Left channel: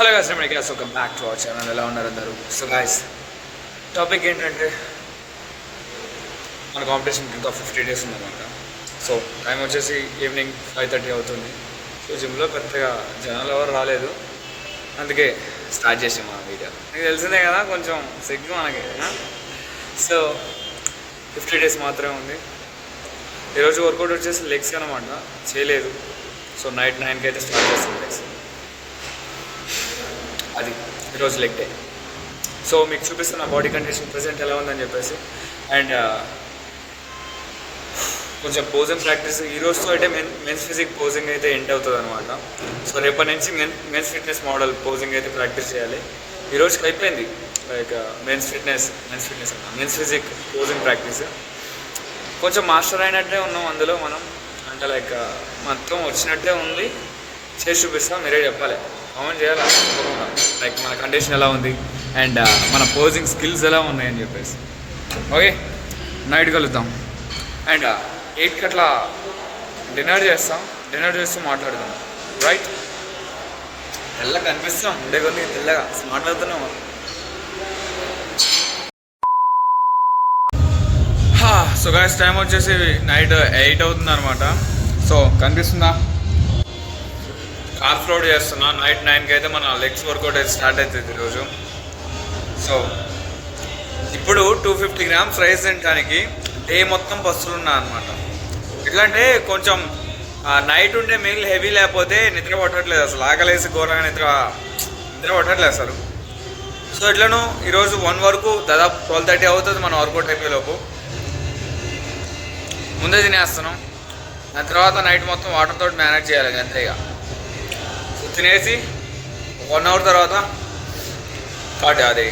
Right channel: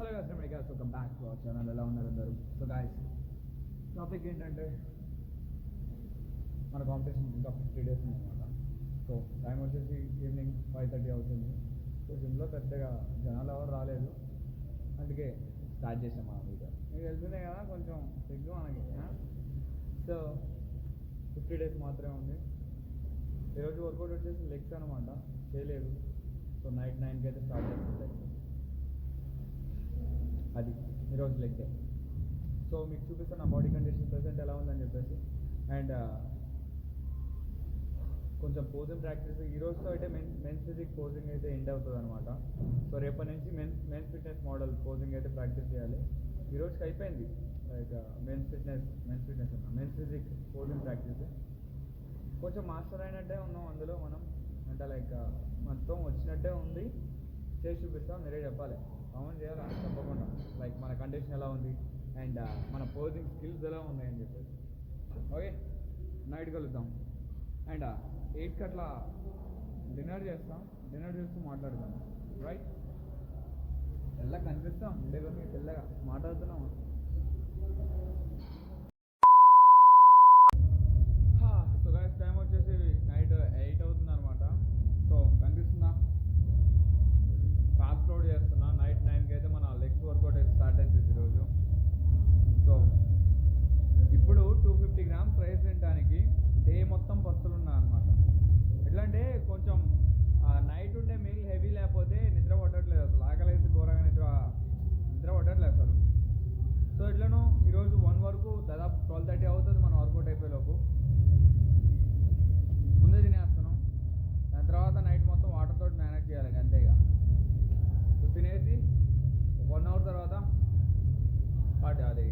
Hello guys, నేను gas welcome back to our channel. ఎలా ఉన్నారు అందరూ? సో గాయ్స్, టాపిక్ ఏంటంటే మన కాంపిటీషన్కి ఇంకా 50 days ఉందన్నమాట. సో టైం వచ్చేసి ఈవినింగ్ 5:30 అవుతుంది. సో జిమ్లో పెద్దగా జనాలు ఎవరు రాలేదు, అందుకే స్టార్ట్ చేసాం మన వీడియో. మీకు తెలిసిందే కదా, కొంచెం సిగ్గు మనకి. సో 50 days మాత్రమే ఉంది. ఈరోజు వర్కౌట్ వచ్చేసి లెగ్స్ అనమాట, చేయలేదు. సో నైట్ 9కి అయితే స్టార్ట్ చేస్తాం లెగ్స్. అది ఈరోజు లెగ్ డే. సో మీకు చూపిస్తున్న బాడీ కండిషన్ ప్రెజెంట్ ఎలా ఉందని చెప్పేసి. అండ్ కొంచెం పోజింగ్ ప్రాక్టీస్ ఈరోజుతో అయితే మెన్స్ ఫిజిక్ పోజింగ్ అయితే ఎండ్ అవుతుంది అనమాట. సో రేపటి నుంచి మెన్స్ ఫిట్నెస్ మోడల్ పోజింగ్ అయితే ప్రాక్టీస్ చేయాలి. ఈరోజుకి అయిపోయింది like men's physique posing practice. కొంచెం మాస్టర్ అయినట్టే ఉన్నాం అందులో మనం, అంటే లైక్ మొత్తం వచ్చినట్టే ఉంది. చేసి చూపిస్తాం, మీరే చెప్పాలి, కామెంట్ చేయాలి తప్పకుండా. లైక్ మన కండిషన్ ఎలా ఉంది అండ్ మన పోజింగ్ స్కిల్స్ ఎలా ఉన్నాయని చెప్పేసి. ఓకే, నైట్ కలుద్దాం. అండ్ 8కి అట్లా డిన్నర్ చేస్తాం. డిన్నర్ చేస్తూ మాట్లాడదాం, రైట్? తెల్లగా కనిపిస్తాం, ఉండే కొన్ని తెల్లగా మాట్లాడుతున్నాం. సో గాయ్స్, టైం వచ్చేసి నైట్ 8 అవుతుంది అనమాట. సో కనిపిస్తుందా? కార్బ్స్ లోడ్ చేస్తున్నా. నైట్ 9కి అయితే మన లెగ్స్ వర్కౌట్ అయితే స్టార్ట్ అవుతుంది ఈరోజు. సో ఇప్పుడు 250 grams రైస్ తినడానికి డే మొత్తం బస్సులు ఉన్నాయి అనమాట. ఎట్లా అంటే కొంచెం నైట్ ఉండే మీల్ హెవీ లేకపోతే నిద్ర పట్టట్లేదు అసలు. ఆకలేసి ఘోరంగా నిద్ర పట్టట్లేదు అసలు. సో ఎట్లను ఈరోజు 1 వరకు దాదాపు 12:30 అవుతుంది మన వర్కౌట్ అయిపోయేలోపు. ముందే తినేస్తున్నాం. దాని తర్వాత నైట్ మొత్తం వాటర్ తోటి మేనేజ్ చేయాలి అంతేగా. తినేసి 1 hour తర్వాత అది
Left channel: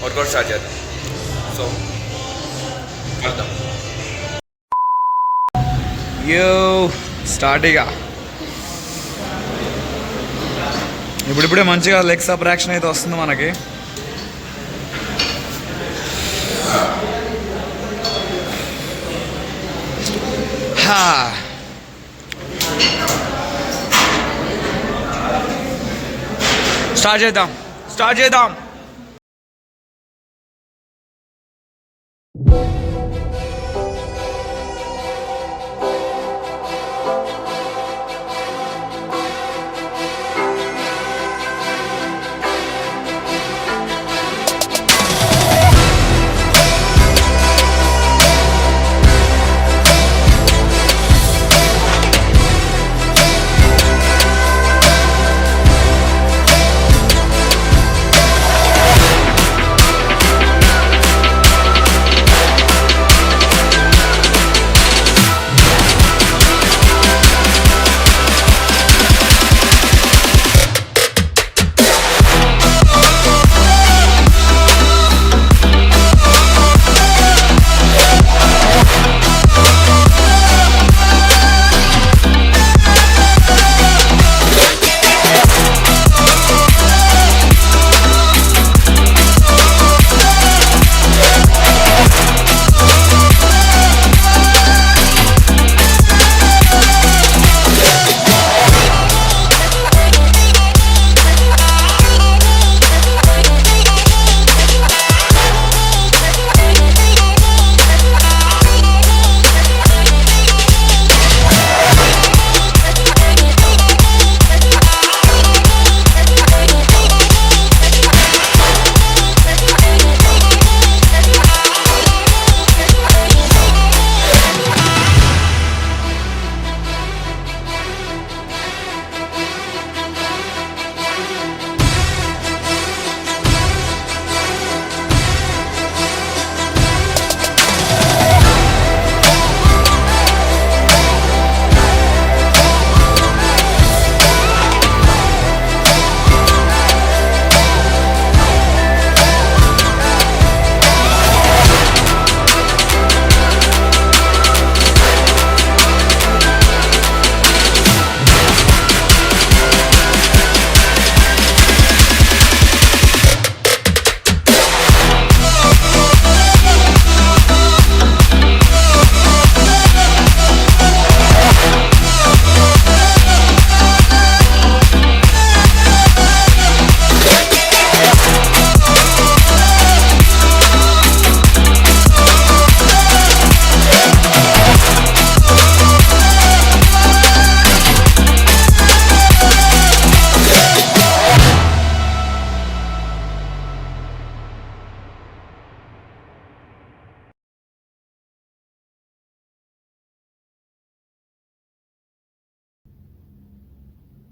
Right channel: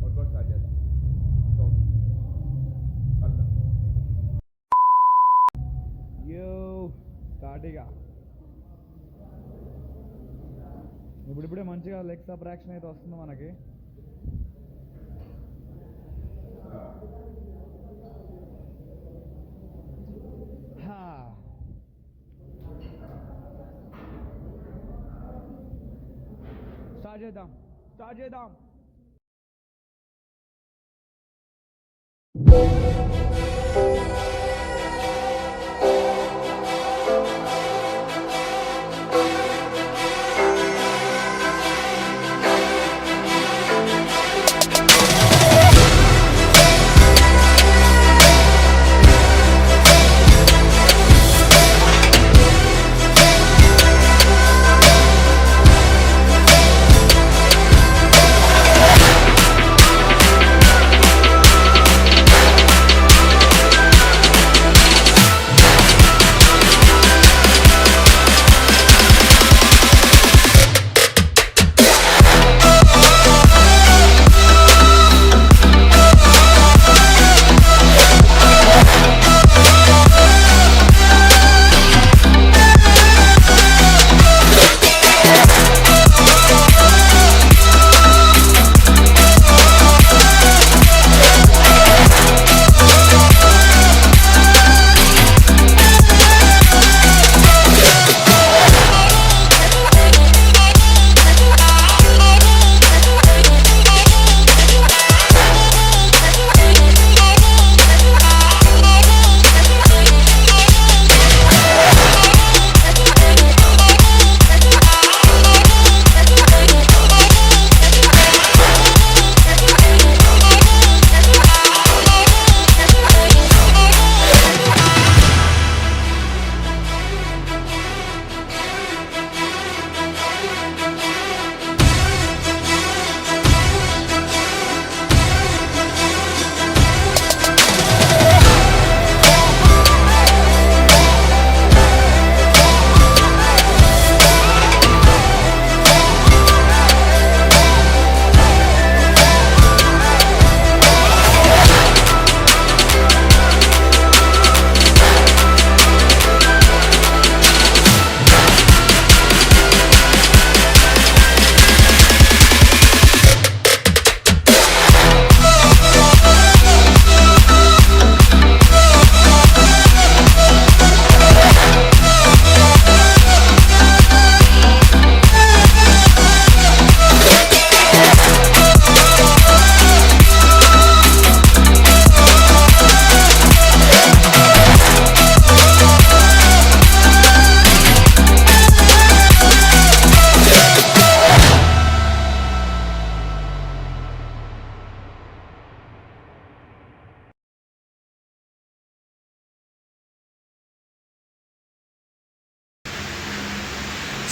వర్కౌట్ స్టార్ట్ చేద్దాం. సో కలుద్దాం. స్టార్ట్ ఇక. ఇప్పుడిప్పుడే మంచిగా లెగ్స్ అప్ యాక్షన్ అయితే వస్తుంది మనకి. స్టార్ట్ చేద్దాం.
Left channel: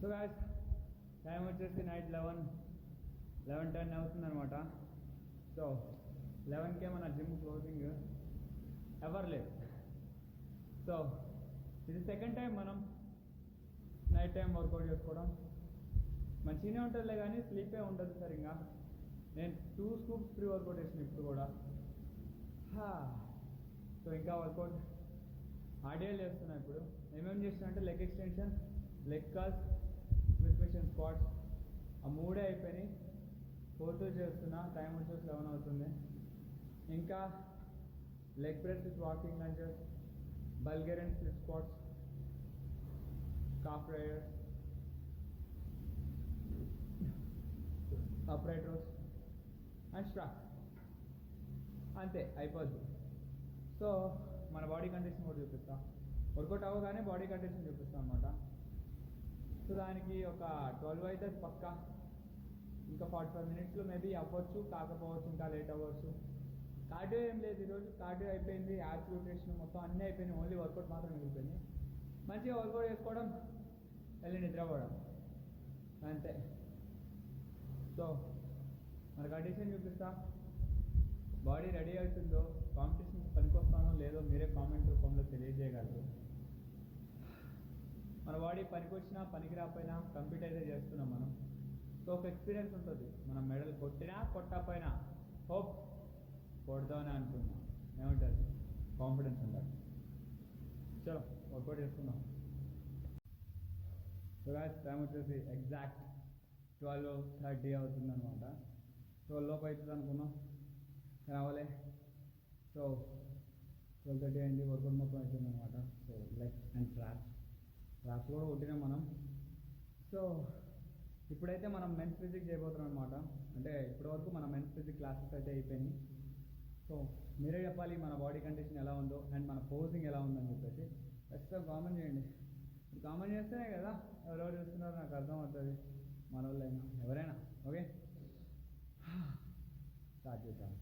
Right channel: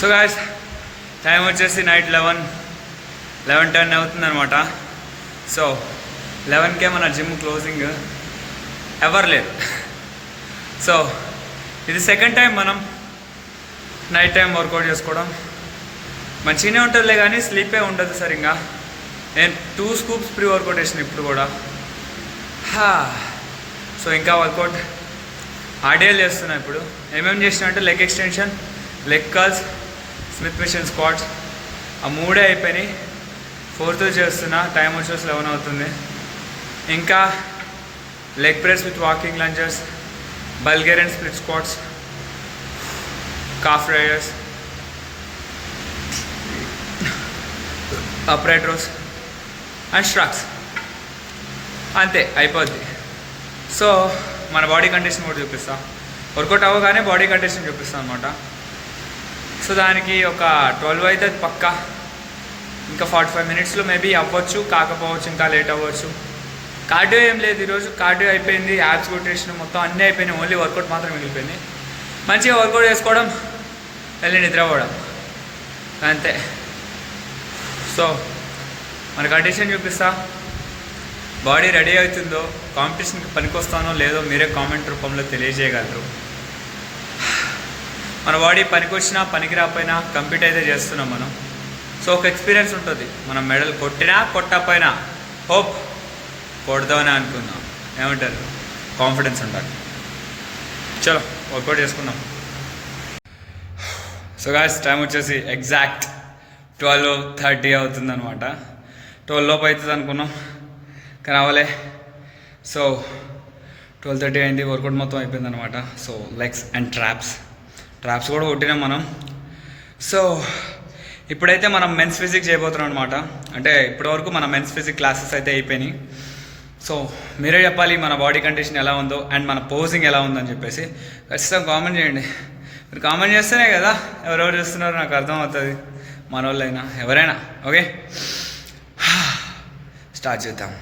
సో గాయ్స్ టైం వచ్చేసి నైట్ 11:10 అవుతుంది అనమాట. సో 11కే మన జిమ్ క్లోజింగ్ ఎవరు లేదు. సో ఇది సెకండ్ టైం మనం నైట్ టైం వర్కౌట్ చేసుకోవడం. మంచిగానే ఉంటుందిలే కానీ స్లీపే ఉండదు సరిగ్గా. నేను 2 స్కూప్స్ ప్రీ వర్కౌట్ వేసిన ఇప్పుడు కూడా. సో ఇంకా వర్కౌట్ ఆర్డియల్ చేస్తున్నా ఇప్పుడు. ఏమేమి చేసిన అంటే leg extension, leg curls, Smith machine squats, ఆ 3 అయిపోయినాయి. 4th చేస్తున్నా. టైం వచ్చేసి 11 అవుతుంది. ఇంకా leg press with walking lunges, Bulgarian split squats, calf raisers, upright rows and shrugs. అంతే అయిపోద్ది. సో మన బాడీ కండిషన్ కూడా చూపిస్తా. వర్కౌట్ అవ్వగానే బాడీ కండిషన్ చూపిస్తాను అనమాట. సో దానికి ఒక 12 అయితే పక్కా. ఇంకా 45 మినిట్స్లో మేబీ అవ్వచ్చు, కాకపోవచ్చు, ఇంకా లేట్ అవ్వచ్చు. కార్డియో ఏం లేదు ఈరోజు. కార్డియో అయిపోయింది, యాప్స్ కొట్టేసిన మొత్తం అన్నీ అయిపోయినాయి. ఓన్లీ వర్కౌట్ మాత్రం మిగిలిపోయింది. మంచిగా వర్కౌట్ చేసుకోవడం, వెళ్ళి నిద్రపోవడం, అంతే. సో మన కండిషన్ చూపిస్తా. బాడీ రెడీ అవుతుందో, కాంపిటీషన్కి పనికొస్తానో లేదో మీరే కామెంట్ రూపంలో తెలియజేయగలరు. మన బాడీ పనికొచ్చినా పనికి రాకపోయినా కంప్లీట్ అయితే చేస్తున్నాం మనం. సో ఒక ఎక్స్పీరియన్స్ ఉంటుంది. మనం మెడల్ కొట్టినా కొట్టకపోయినా హోప్ కొడదామని అనుకుందాం. ఏమంటారు? కాన్ఫిడెన్స్ ఉండాలి. చలో వర్కౌట్ చేసుకుందాం. సో గాయ్స్ టైం వచ్చేసి ఎగ్జాక్ట్ 12:30 అవుతుందన్నమాట. 12 లోపు అవుతుంది అనుకున్నాం కానీ అవ్వలే. సో 12:30 అయింది. వర్కౌట్ మొత్తం అయిపోయిందనమాట. సో లెగ్స్ అండ్ ట్రాప్స్ కూడా కొట్టినాం మనం. సో ఇప్పుడైతే మనం మెన్స్ ఫిజిక్ చేయబోతున్నాం అనమాట. అంటే ఇప్పటివరకు మన మెన్స్ ఫిజిక్ క్లాసెస్ అయితే అయిపోయినాయి. సో మీరే చెప్పాలి మన బాడీ కండిషన్ ఎలా ఉందో అండ్ మన పోజింగ్ ఎలా ఉందని చెప్పేసి ఖచ్చితంగా కామెంట్ చేయండి. మీరు కామెంట్ చేస్తేనే కదా ఎవరెవరు చూస్తున్నారో నాకు అర్థమవుతుంది. మన వాళ్ళైనా ఎవరైనా. ఓకే, స్టార్ట్ చేద్దాం.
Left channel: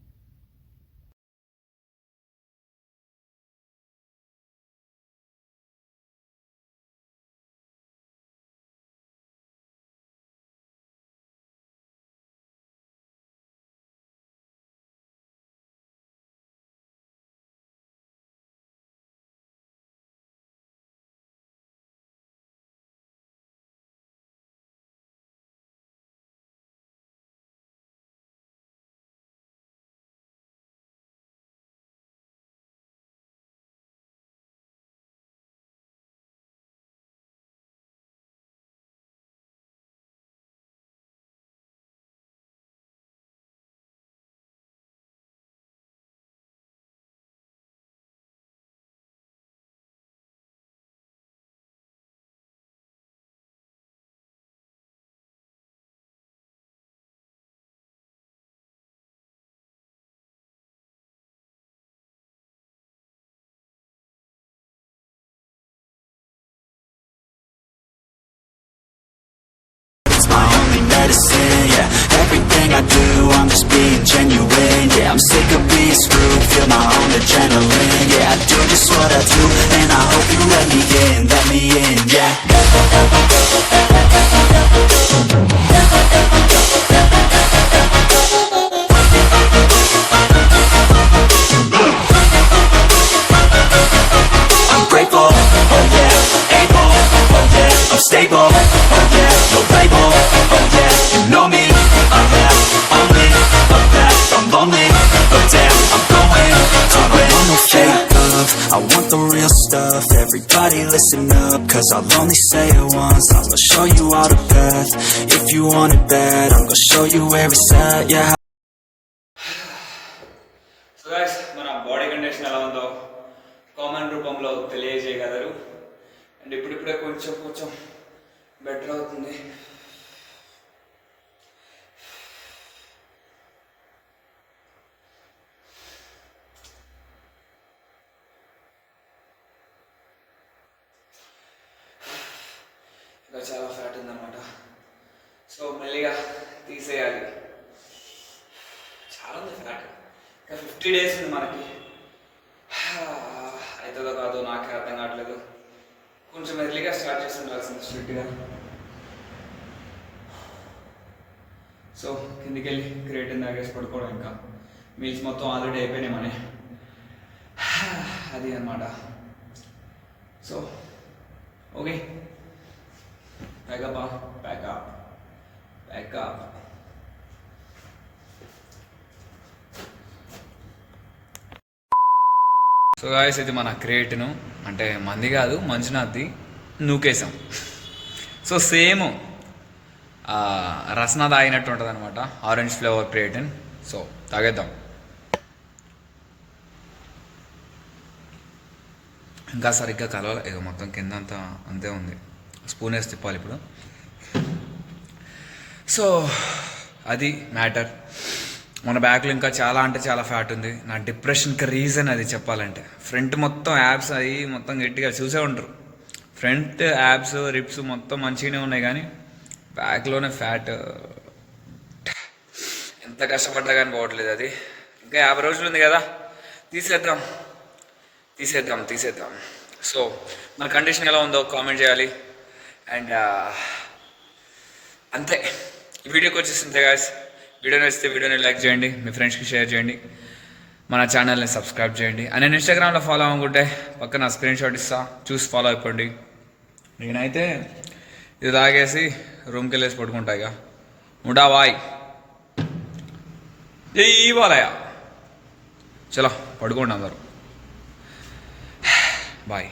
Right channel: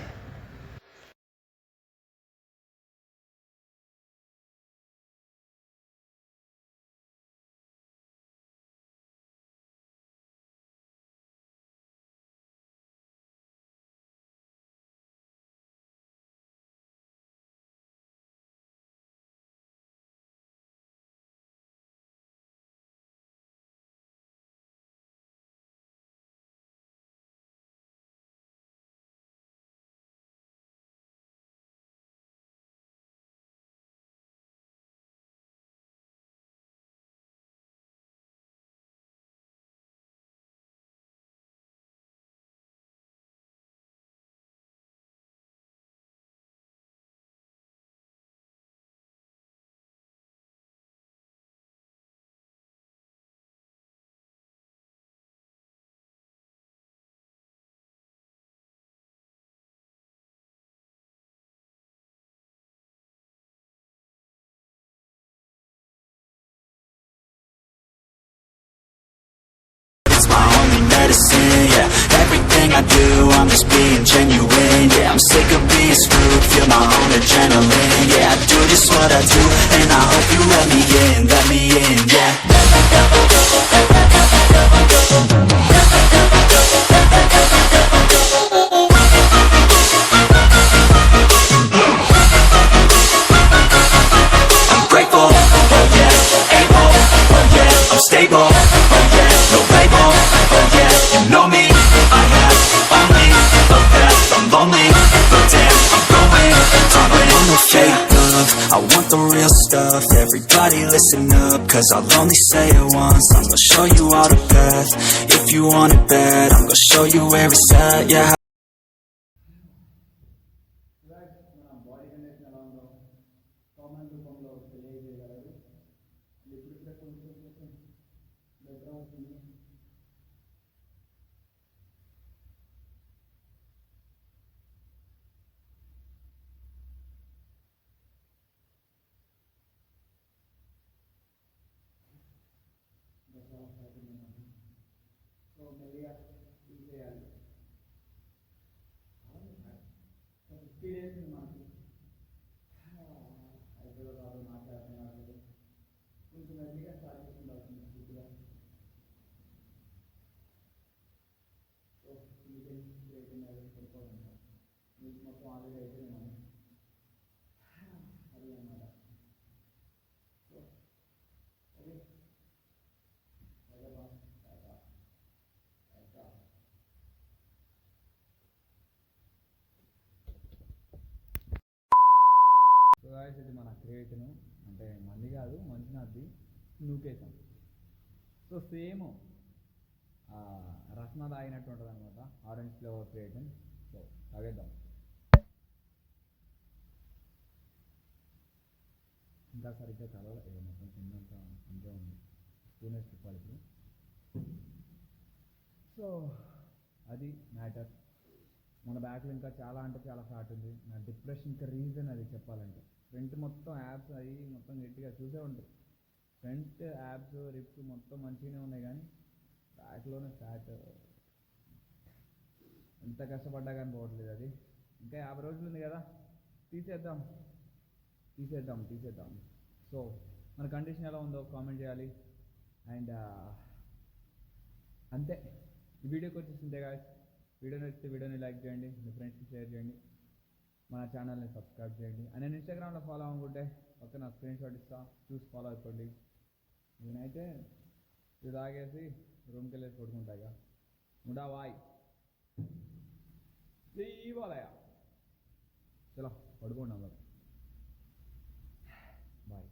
My only medicine, yeah. Everything I do, I'm just being genuine, yeah. I'm sick of being screwed, feel my own adrenaline, yeah. I do just what I do, and I hope you let me in, yeah. I'm grateful, oh yeah. Able, oh yeah. I'm stable, oh yeah. No label, oh yeah. You know me, I have only a path. I'm lonely, but damn, I'm going to win. I don't want no fake love, I want the real stuff. Everybody listen up, cause I'll only say it once. I'm gonna show you all the path. If you want it bad, I'm gonna show you where it's at, yeah. So guys మన body condition ఎలా ఉందో comment రూపంలో తెలియజేయగలరు. And ఇప్పుడిప్పుడే కొంచెం better అవుతుంది. ఇంకా చాలా ఫ్యాట్ ఉందన్నమాట. సో మెల్లిగా తీసేయాలి. చాలా ఉంది ఫ్యాట్. ఇంకా 50 days ఉంది మనకి. అవుతుందో కాదో నాకే అర్థం కావట్లేదు. కొంచెం ఎర్లీగా స్టార్ట్ చేసి ఉండాల్సింది స్ట్రిక్ట్గా. సో కిందికి వెళ్ళి క్రియేటిన్ తాగేసి పడుకోవడం. ఇంకా మీల్స్ మొత్తం ఆల్రెడీ అయిపోయినాయి మనీ. అది అన్నమాట. So okay, pack up pack up pack up. So guys, ఇది మన క్రియేటిన్, అంటే మంది కాదు మంజునాథ్ది, నూకేసాం. సో సేమ్ రసన తాగినట్టు ఉంటుంది అనమాట, ఆరెంజ్ ఫ్లేవర్ క్రియేటిన్. సో తాగేద్దాం. ఇంకా సరిగ్గా కలవాలి, ఇక మొత్తం కింద అంతా అంతే ఉంది. స్పూన్ వేసి తిప్పాలి ఇప్పుడు. సో అది మ్యాటర్. మన బ్యాక్లో ఇంకా చాలా అంటే చాలా ఫ్యాట్ ఉంది. నా డిప్రెషన్కి రీజన్ అది చెప్పాలంటే. ఫ్రంట్ మొత్తం యాబ్స్ అవి మొత్తం గట్టిగా చూసే ఉంటారు. ఫ్రంట్ యాబ్స్ రిప్స్ మొత్తం మంచిగానే ఉన్నాయి, కానీ బ్యాక్లోనే ఫ్యాట్. ఎంత కష్టపడ్డా కానీ పోవట్లేదు అది. ఇంకా 50 రోజులు ఉంది కదా, తీసేద్దాం. సో మన కండిషన్ ఎలా ఉందో కామెంట్ చేయాలి. అండ్ అంతే, ఈ వీడియోకి వచ్చేసింది గాయస్. వీడియో నచ్చితే వీడియోని లైక్ చేయండి, మీ ఫ్రెండ్స్కి షేర్ చేయండి, మన ఛానల్ని సబ్స్క్రైబ్ చేయండి. అండ్ నేను ఇన్స్టాగ్రామ్లో ఫాలో అవ్వకుంటే పక్కన స్క్రీన్ షాట్ ఇస్తా, చూసి ఫాలో అయిపోండి. నేనైతే ఇది తాగేసి రూమ్కి వెళ్ళేసి పడుకుంటా. ఇక ముడా బాయ్, జై బాలయ్య. చలో పడుకోండి అందరూ, బాయ్.